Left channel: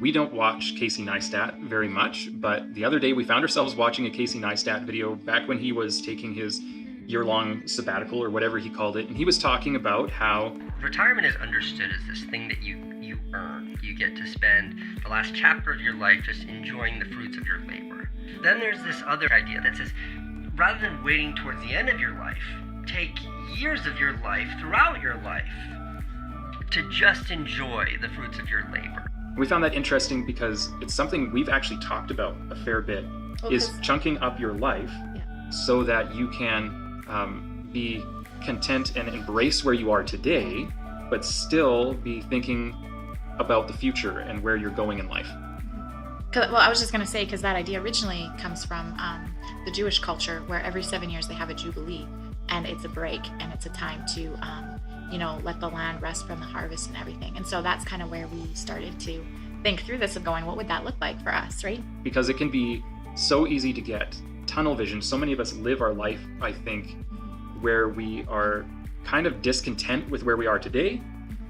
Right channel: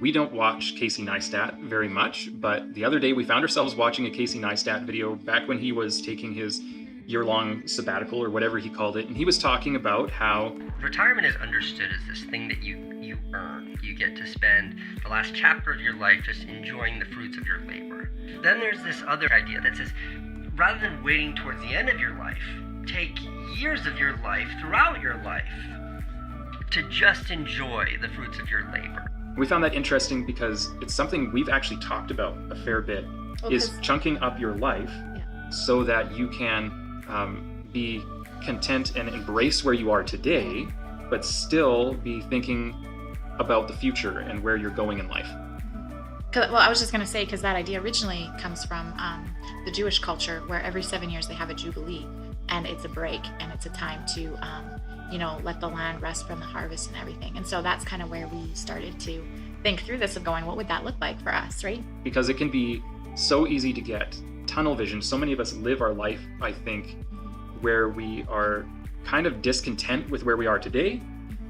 We don't watch Casey Neistat very much, but the other day we found ourselves watching a Casey Neistat video back when he was taking his year-long sabbatical or whatever he called it, and he was talking about how retirement is understood as this thing that you earn. You get to spend the last chapter of your life just enjoying the fruits of your labor. Then there's this other idea that says, rather than waiting towards the end of your life, take years of your life throughout your life to just enjoy the fruits of your labor. we found that interesting because it's something we've actually talked about a fair bit, is chunking up your life so that you can be content and embrace where you are today, but still be thinking about the future and where you're going in life. Well, I was just going to say, because that idea originally comes from the Jewish culture, where every 7 years they have a jubilee, and it's a break, and it's a time to, let the land rest from the harvest and everything. And so that's kind of where we started to think through this and going, what would that look like for us, right? Because it can be so easy to get tunnel vision. So many of us live our life, I think, where we are kind of discontent with where we are today,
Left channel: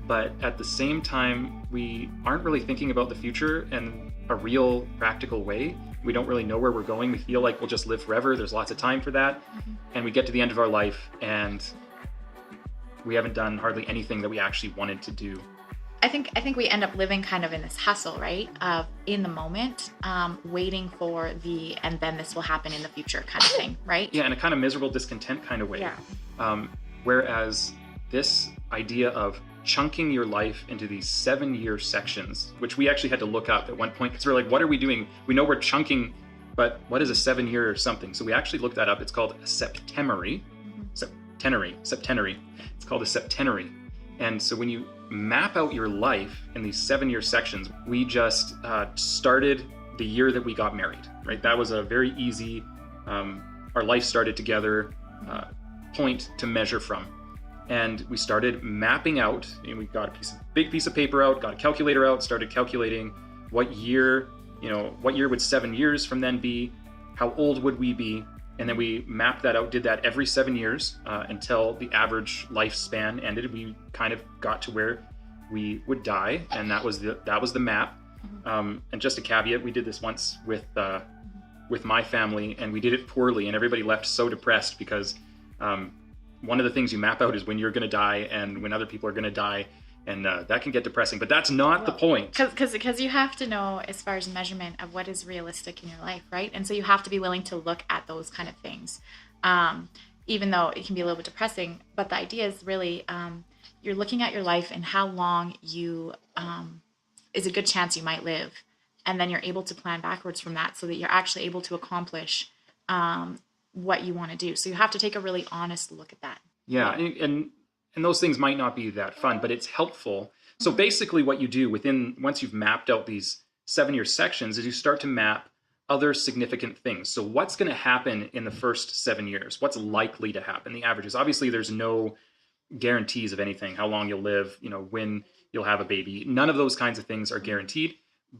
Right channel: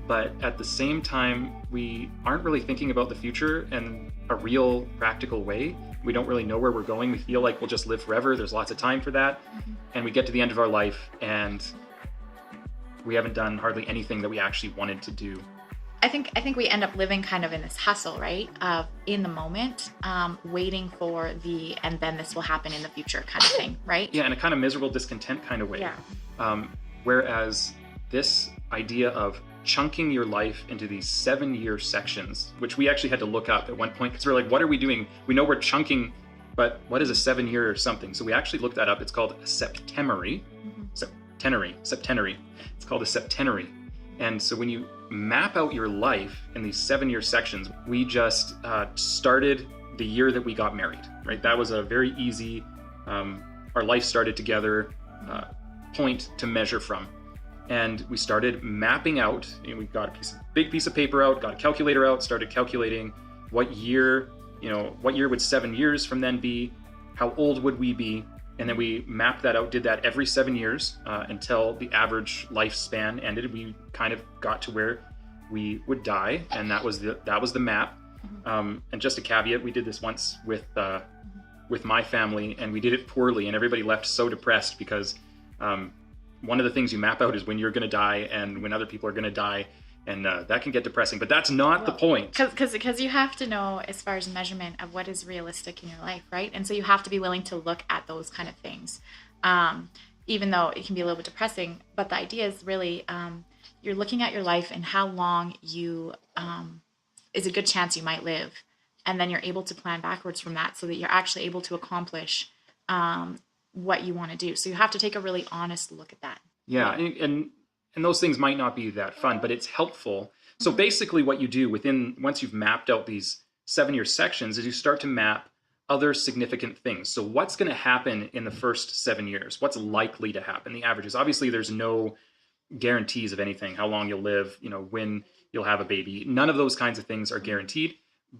but at the same time, we aren't really thinking about the future in a real practical way. We don't really know where we're going. We feel like we'll just live forever. There's lots of time for that. And we get to the end of our life and we haven't done hardly anything that we actually wanted to do. I think we end up living kind of in this hustle, right? In the moment, waiting for and then this will happen in the future kind of thing, right? Yeah, in a kind of miserable discontent kind of way. Whereas this idea of chunking your life into these 7-year sections, which we actually had to look up at one point, because we're like, what are we doing? We know we're chunking, but what is a 7-year or something? So we actually looked that up. It's called a septenary. It's called a septenary. And so when you map out your life in these 7-year sections, we just started the year that we got married, right? That was a very easy, our life started together point to measure from. And we started mapping out, and we got a big piece of paper out, got a calculator out, started calculating what year would 7 years from then be, how old would we be, and then we mapped that out, did that every 7 years until the average lifespan ended. We kind of got to where we would die, and that was the map. And just a caveat, we did this once with my family, and we did it poorly, and everybody left so depressed because one of the things you map out is when you're going to die and when other people are going to die, and that can get depressing. But that's not the point. Because you have to know, as far as measurement of what is realistic in your life, right? And so you have to be willing to look at those kind of things, even though it can be a little bit depressing. But the idea is really you're looking at your life and how long you is a good chance you might live, and then you're able to plan backwards from that so that you're actually able to accomplish what you want to do. So you have to take a really honest look at that. Yeah, and those things might not be that fun, but it's helpful. So basically what you do once you've mapped out these 7-year sections, is you start to map other significant things. So what's going to happen in the first 7 years? What's likely to happen? The averages. Obviously, there's no guarantees of anything, how long you'll live, when you'll have a baby. None of those kinds of things are guaranteed,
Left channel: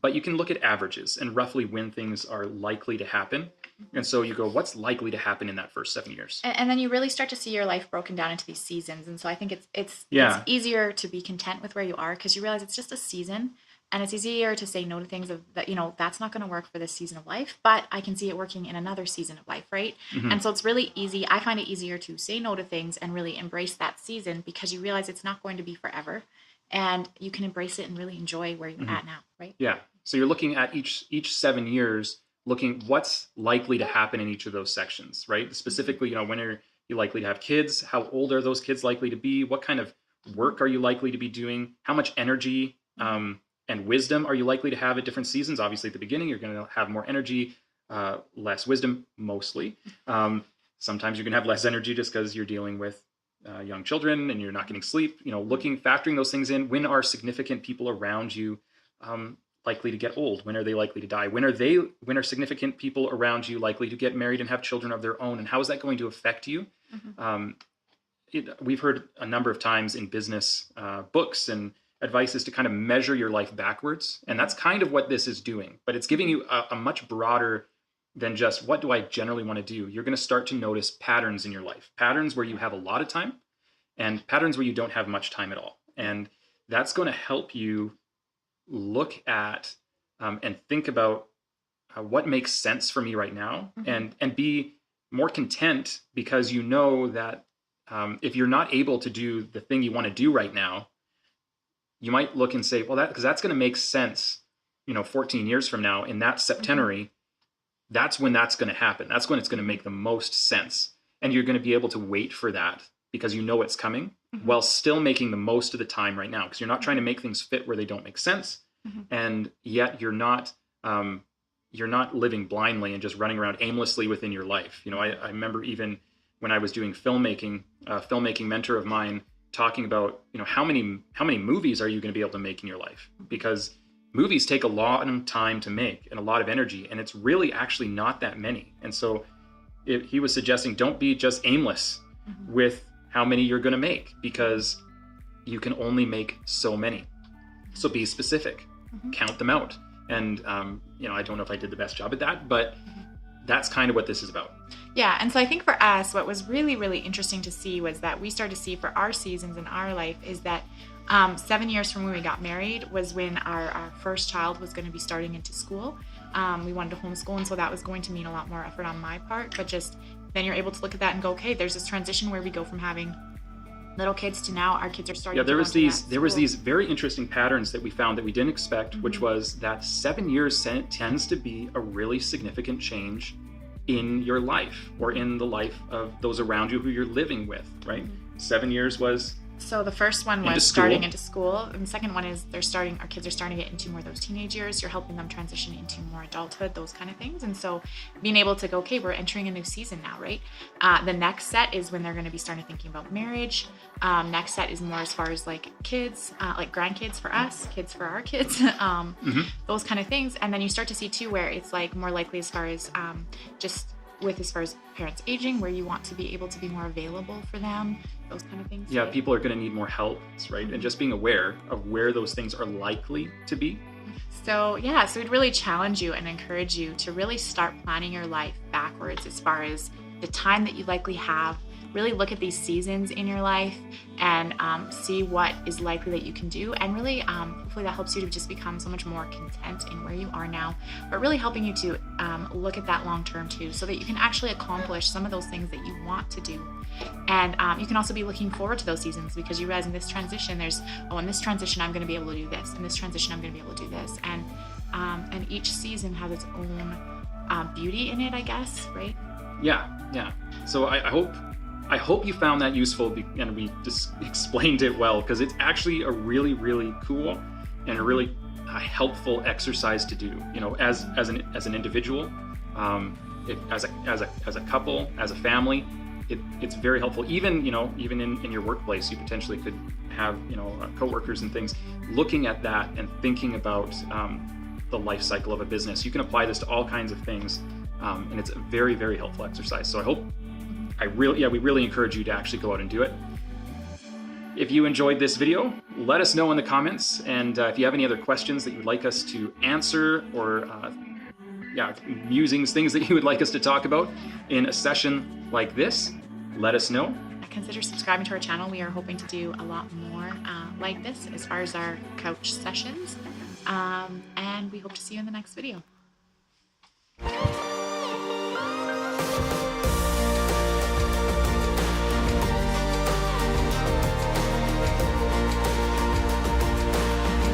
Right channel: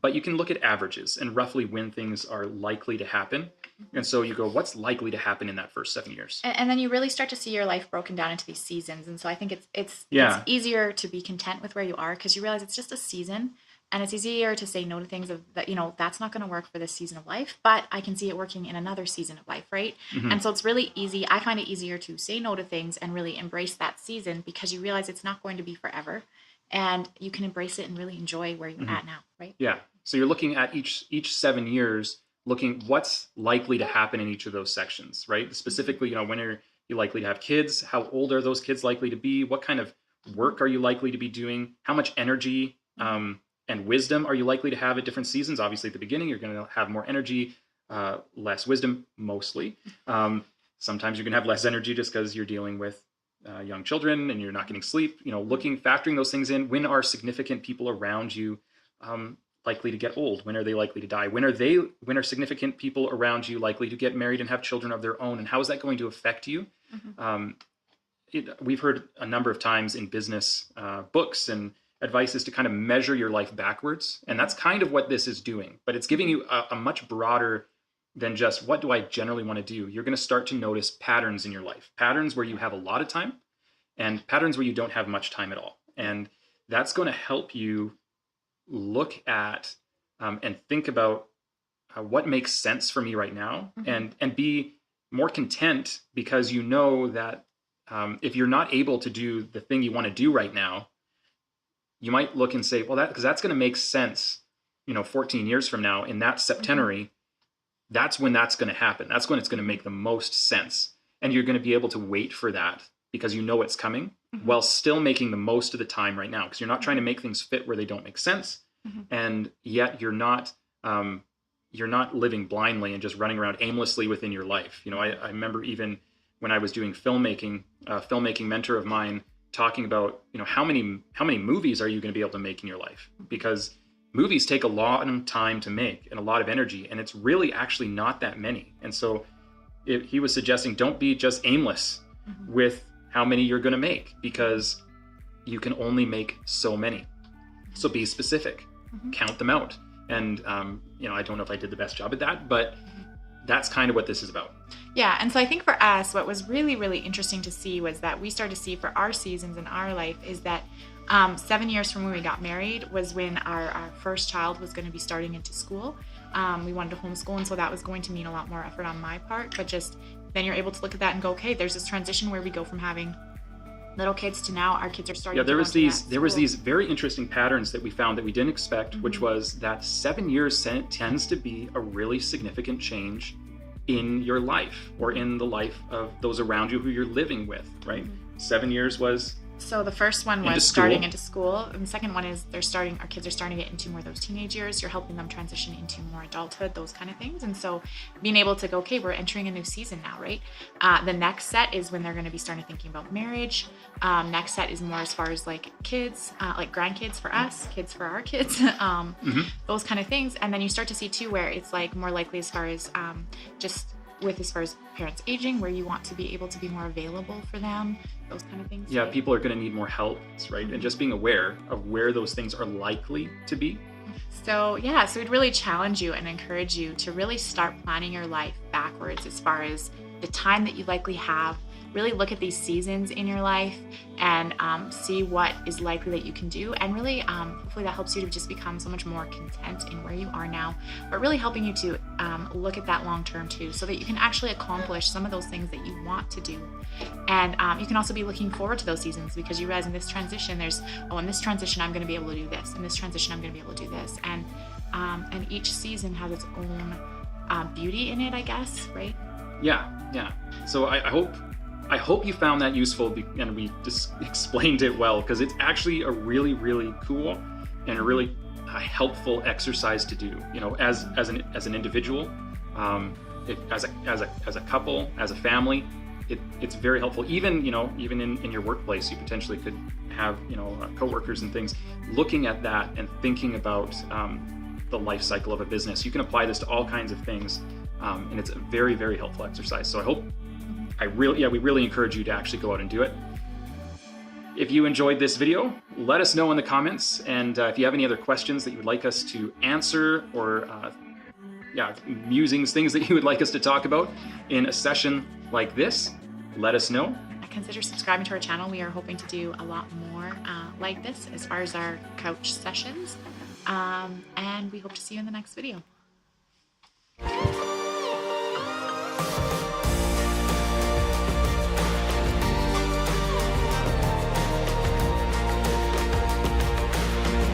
but you can look at averages and roughly when things are likely to happen. And so you go, what's likely to happen in that first 7 years? And then you really start to see your life broken down into these seasons. And so I think it's easier to be content with where you are because you realize it's just a season. And it's easier to say no to things that, that's not going to work for this season of life, but I can see it working in another season of life, right? Mm-hmm. And so it's really easy. I find it easier to say no to things and really embrace that season because you realize it's not going to be forever. And you can embrace it and really enjoy where you're at now, right? Yeah. So you're looking at each 7 years, looking what's likely to happen in each of those sections, right? Specifically, when are you likely to have kids? How old are those kids likely to be? What kind of work are you likely to be doing? How much energy and wisdom are you likely to have at different seasons? Obviously, at the beginning, you're going to have more energy, less wisdom, mostly. Sometimes you're going to have less energy just because you're dealing with young children and you're not getting sleep. Factoring those things in. When are significant people around you likely to get old? When are they likely to die? When are significant people around you likely to get married and have children of their own? And how is that going to affect you? Mm-hmm. We've heard a number of times in business books and advice is to kind of measure your life backwards. And that's kind of what this is doing. But it's giving you a much broader than just what do I generally want to do? You're going to start to notice patterns in your life. Patterns where you have a lot of time and patterns where you don't have much time at all. And that's going to help you look at and think about what makes sense for me right now, Mm-hmm. and be more content, because you know that if you're not able to do the thing you want to do right now, you might look and say, well, that because that's going to make sense, 14 years from now in that Mm-hmm. septenary. That's when that's going to happen. That's when it's going to make the most sense. And you're going to be able to wait for that because you know it's coming, while still making the most of the time right now, because you're not trying to make things fit where they don't make sense. And yet you're not living blindly and just running around aimlessly within your life. I remember even when I was doing filmmaking, a filmmaking mentor of mine talking about, how many movies are you going to be able to make in your life? Because movies take a long time to make and a lot of energy, and it's really actually not that many. And so he was suggesting, don't be just aimless Mm-hmm. with how many you're going to make, because you can only make so many. So be specific, Mm-hmm. count them out. And, I don't know if I did the best job at that, but that's kind of what this is about. Yeah, and so I think for us, what was really, really interesting to see was that we started to see for our seasons in our life is that 7 years from when we got married was when our first child was going to be starting into school. We wanted to homeschool, and so that was going to mean a lot more effort on my part, but just then you're able to look at that and go, okay, there's this transition where we go from having little kids to now our kids are starting to There go was to these school. very interesting patterns that we found that we didn't expect, which Mm-hmm. was that 7 years tends to be a really significant change in your life, or in the life of those around you who you're living with, right? 7 years was So the first one Into was school. starting into school, and the second one is our kids are starting to get into more of those teenage years. You're helping them transition into more adulthood, those kind of things. And so being able to go, okay, we're entering a new season now, right? The next set is when they're going to be starting thinking about marriage. Next set is more as far as like kids, like grandkids for us, kids for our kids, those kind of things. And then you start to see too where it's like more likely as far as just with as far as parents aging, where you want to be able to be more available for them, those kind of things. Yeah, people are going to need more help, right? And just being aware of where those things are likely to be. So we'd really challenge you and encourage you to really start planning your life backwards as far as the time that you likely have. Really look at these seasons in your life and see what is likely that you can do, and really hopefully that helps you to just become so much more content in where you are now, but really helping you to look at that long term too, so that you can actually accomplish some of those things that you want to do. And you can also be looking forward to those seasons, because you realize in this transition in this transition I'm going to be able to do this, in this transition I'm going to be able to do this, and each season has its own beauty in it, I guess, right? Yeah. So I hope you found that useful, and we just explained it well, because it's actually a really, really cool and a really helpful exercise to do. As an individual, as a couple, as a family. It's very helpful. Even even in your workplace, you potentially could have coworkers and things looking at that and thinking about the life cycle of a business. You can apply this to all kinds of things, and it's a very, very helpful exercise. So we really encourage you to actually go out and do it. If you enjoyed this video, let us know in the comments, and if you have any other questions that you would like us to answer, or musings, things that you would like us to talk about in a session like this, let us know. Consider subscribing to our channel. We are hoping to do a lot more like this as far as our couch sessions, and we hope to see you in the next video.